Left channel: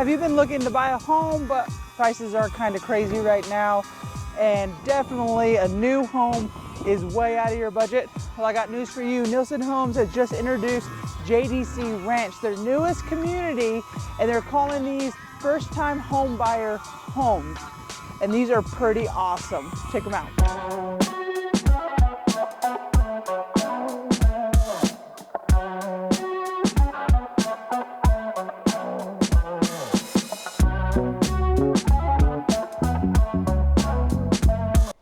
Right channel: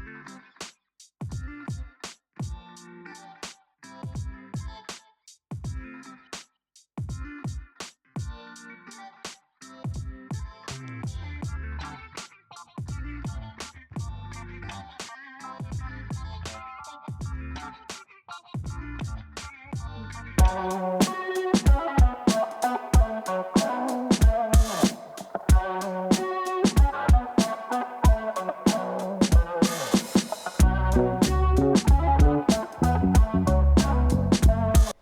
Have you been looking to buy a home, but prices are kind of crazy right now, and definitely a new home is way out of your budget? Well, I got news for you. Nilson Homes has just introduced JDC Ranch, their newest community, and they're calling these first-time home buyer homes. And these are pretty awesome. Check them out.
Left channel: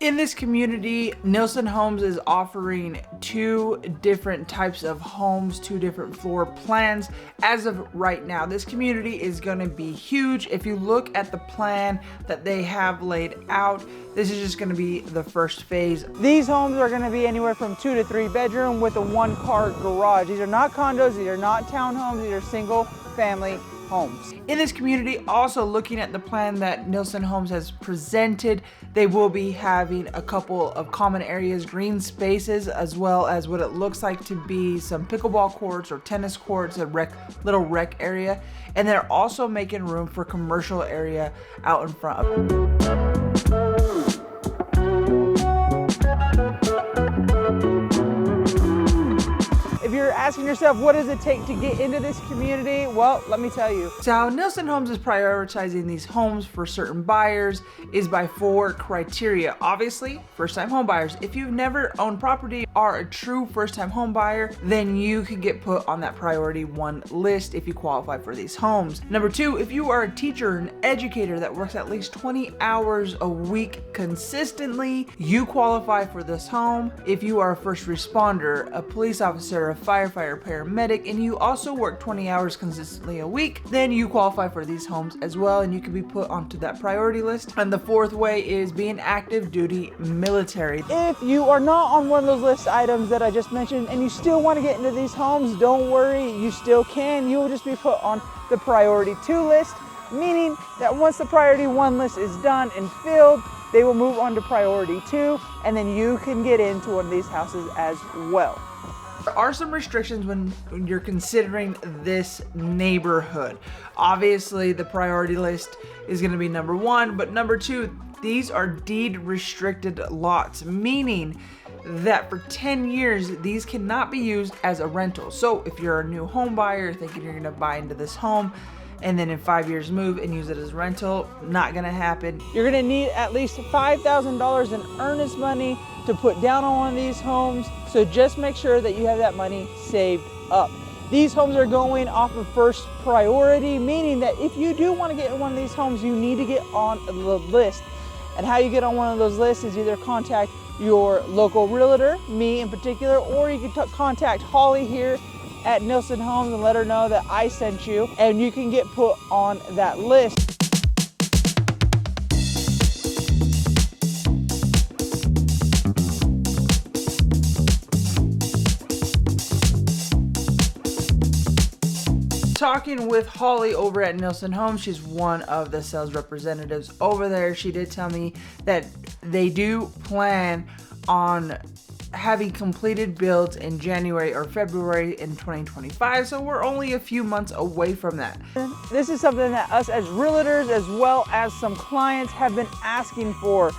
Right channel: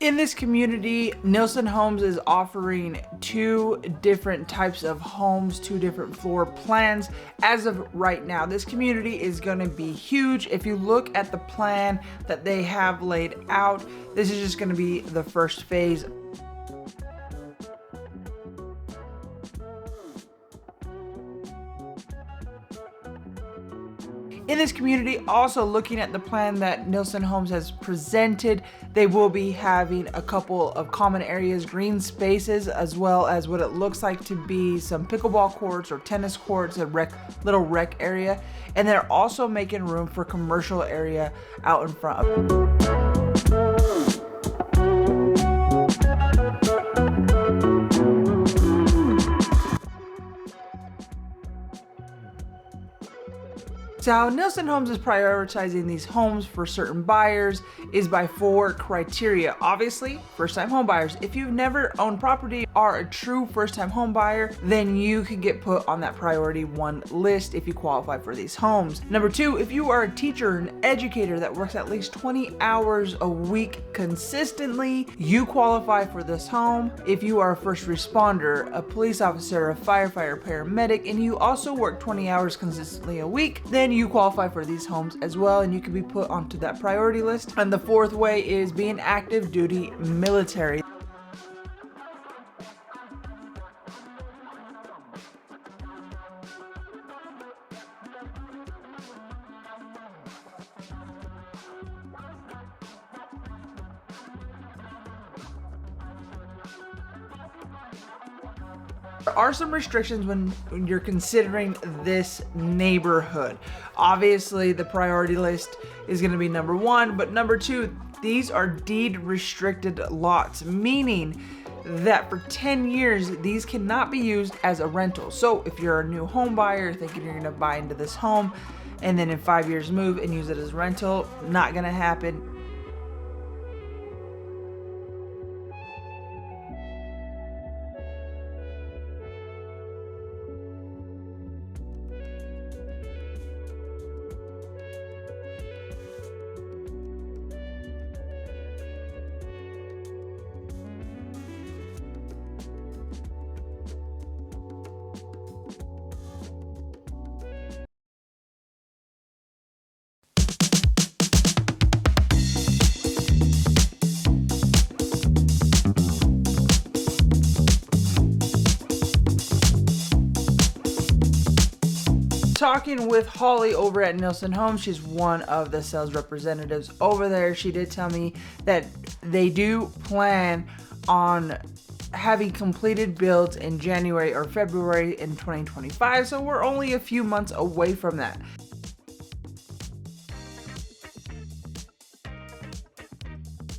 In this community, Nilson Homes is offering two different types of homes, two different floor plans as of right now. This community is going to be huge. If you look at the plan that they have laid out, this is just going to be the first phase. These homes are going to be anywhere from 2 to 3 bedroom with a 1-car garage. These are not condos, these are not townhomes, these are single family homes. In this community, also looking at the plan that Nilson Homes has presented, they will be having a couple of common areas, green spaces, as well as what it looks like to be some pickleball courts or tennis courts, a little rec area. And they're also making room for commercial area out in front. Asking yourself, what does it take to get into this community? Well, let me tell you. So how Nilson Homes is prioritizing these homes for certain buyers is by 4 criteria. Obviously, first-time home buyers. If you've never owned property, are a true first-time home buyer, then you can get put on that priority 1 list if you qualify for these homes. Number 2, if you are a teacher, an educator that works at least 20 hours a week consistently, you qualify for this home. If you are a first responder, a police officer, a firefighter, paramedic, and you also work 20 hours consistently a week, then you qualify for these homes as well, and you can be put onto that priority list. And the 4th way is being active duty military. If you are not on one of those list items that I just mentioned and you still want to get into these homes, don't worry, you still can. You will just be put on the priority 2 list, meaning that once the priority 1 list is done and filled, they will move on to priority 2, and then you can get into one of these houses as well. There are some restrictions when you're considering this neighborhood. Obviously, the priority list is going to be number 1, but number 2, these are deed restricted lots, meaning that for 10 years, these cannot be used as a rental. So if you're a new home buyer thinking you're going to buy into this home, and then in 5 years move and use it as rental, not gonna happen. You're gonna need at least $5,000 in earnest money to put down on one of these homes, so just make sure that you have that money saved up. These homes are going off of first priority, meaning that if you do wanna get in one of these homes, you need to get on the list. And how you get on one of those lists is either contact your local realtor, me in particular, or you can contact Holly here at Nilson Homes and let her know that I sent you, and you can get put on that list. Talking with Holly over at Nilson Homes, she's one of the sales representatives over there. She did tell me that they do plan on having completed builds in January or February in 2025, so we're only a few months away from that. This is something that us as realtors, as well as some clients, have been asking for.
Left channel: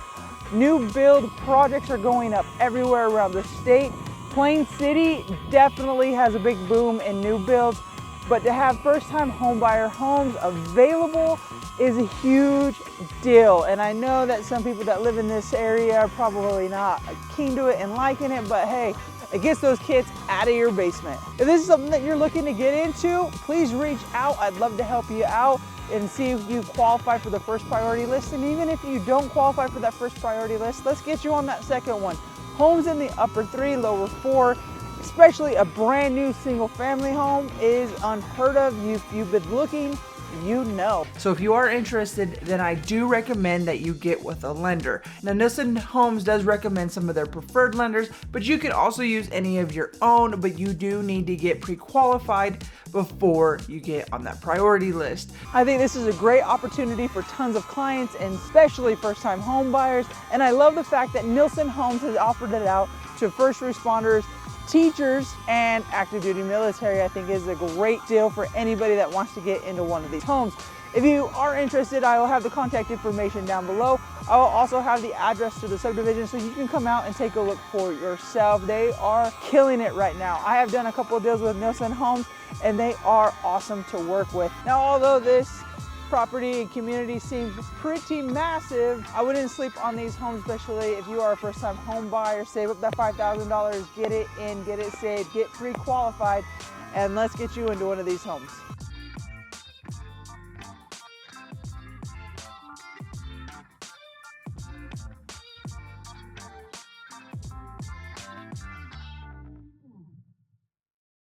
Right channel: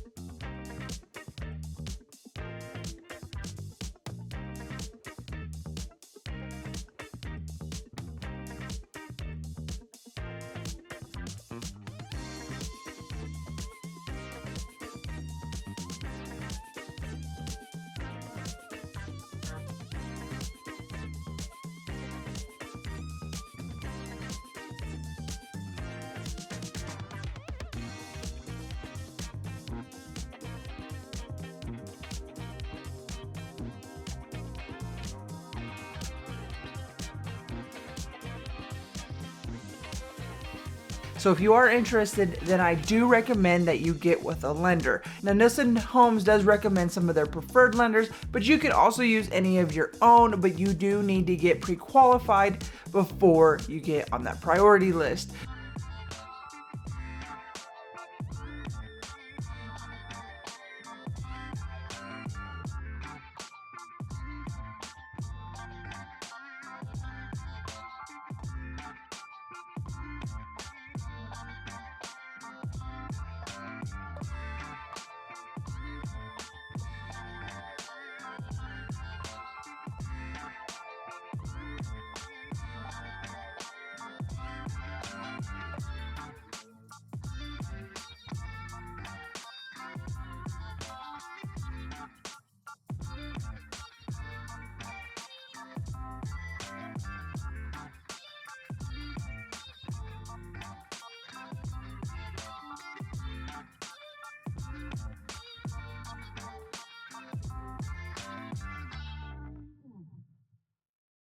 New build projects are going up everywhere around the state. Plain City definitely has a big boom in new builds, but to have first-time homebuyer homes available is a huge deal. And I know that some people that live in this area are probably not keen to it and liking it, but hey, it gets those kids out of your basement. If this is something that you're looking to get into, please reach out. I'd love to help you out and see if you qualify for the first priority list. And even if you don't qualify for that first priority list, let's get you on that second one. Homes in the upper 3, lower 4, especially a brand new single family home, is unheard of. You've been looking, you know. So if you are interested, then I do recommend that you get with a lender. Now, Nilson Homes does recommend some of their preferred lenders, but you can also use any of your own, but you do need to get pre-qualified before you get on that priority list. I think this is a great opportunity for tons of clients, and especially first-time home buyers. And I love the fact that Nilson Homes has offered it out to first responders, teachers, and active duty military. I think is a great deal for anybody that wants to get into one of these homes. If you are interested, I will have the contact information down below. I will also have the address to the subdivision so you can come out and take a look for yourself. They are killing it right now. I have done a couple of deals with Nielsen Homes and they are awesome to work with. Now, although this property and community seems pretty massive, I wouldn't sleep on these homes, especially if you are a first-time home buyer. Save up that $5,000, get it in, get it saved, get pre-qualified, and let's get you into one of these homes.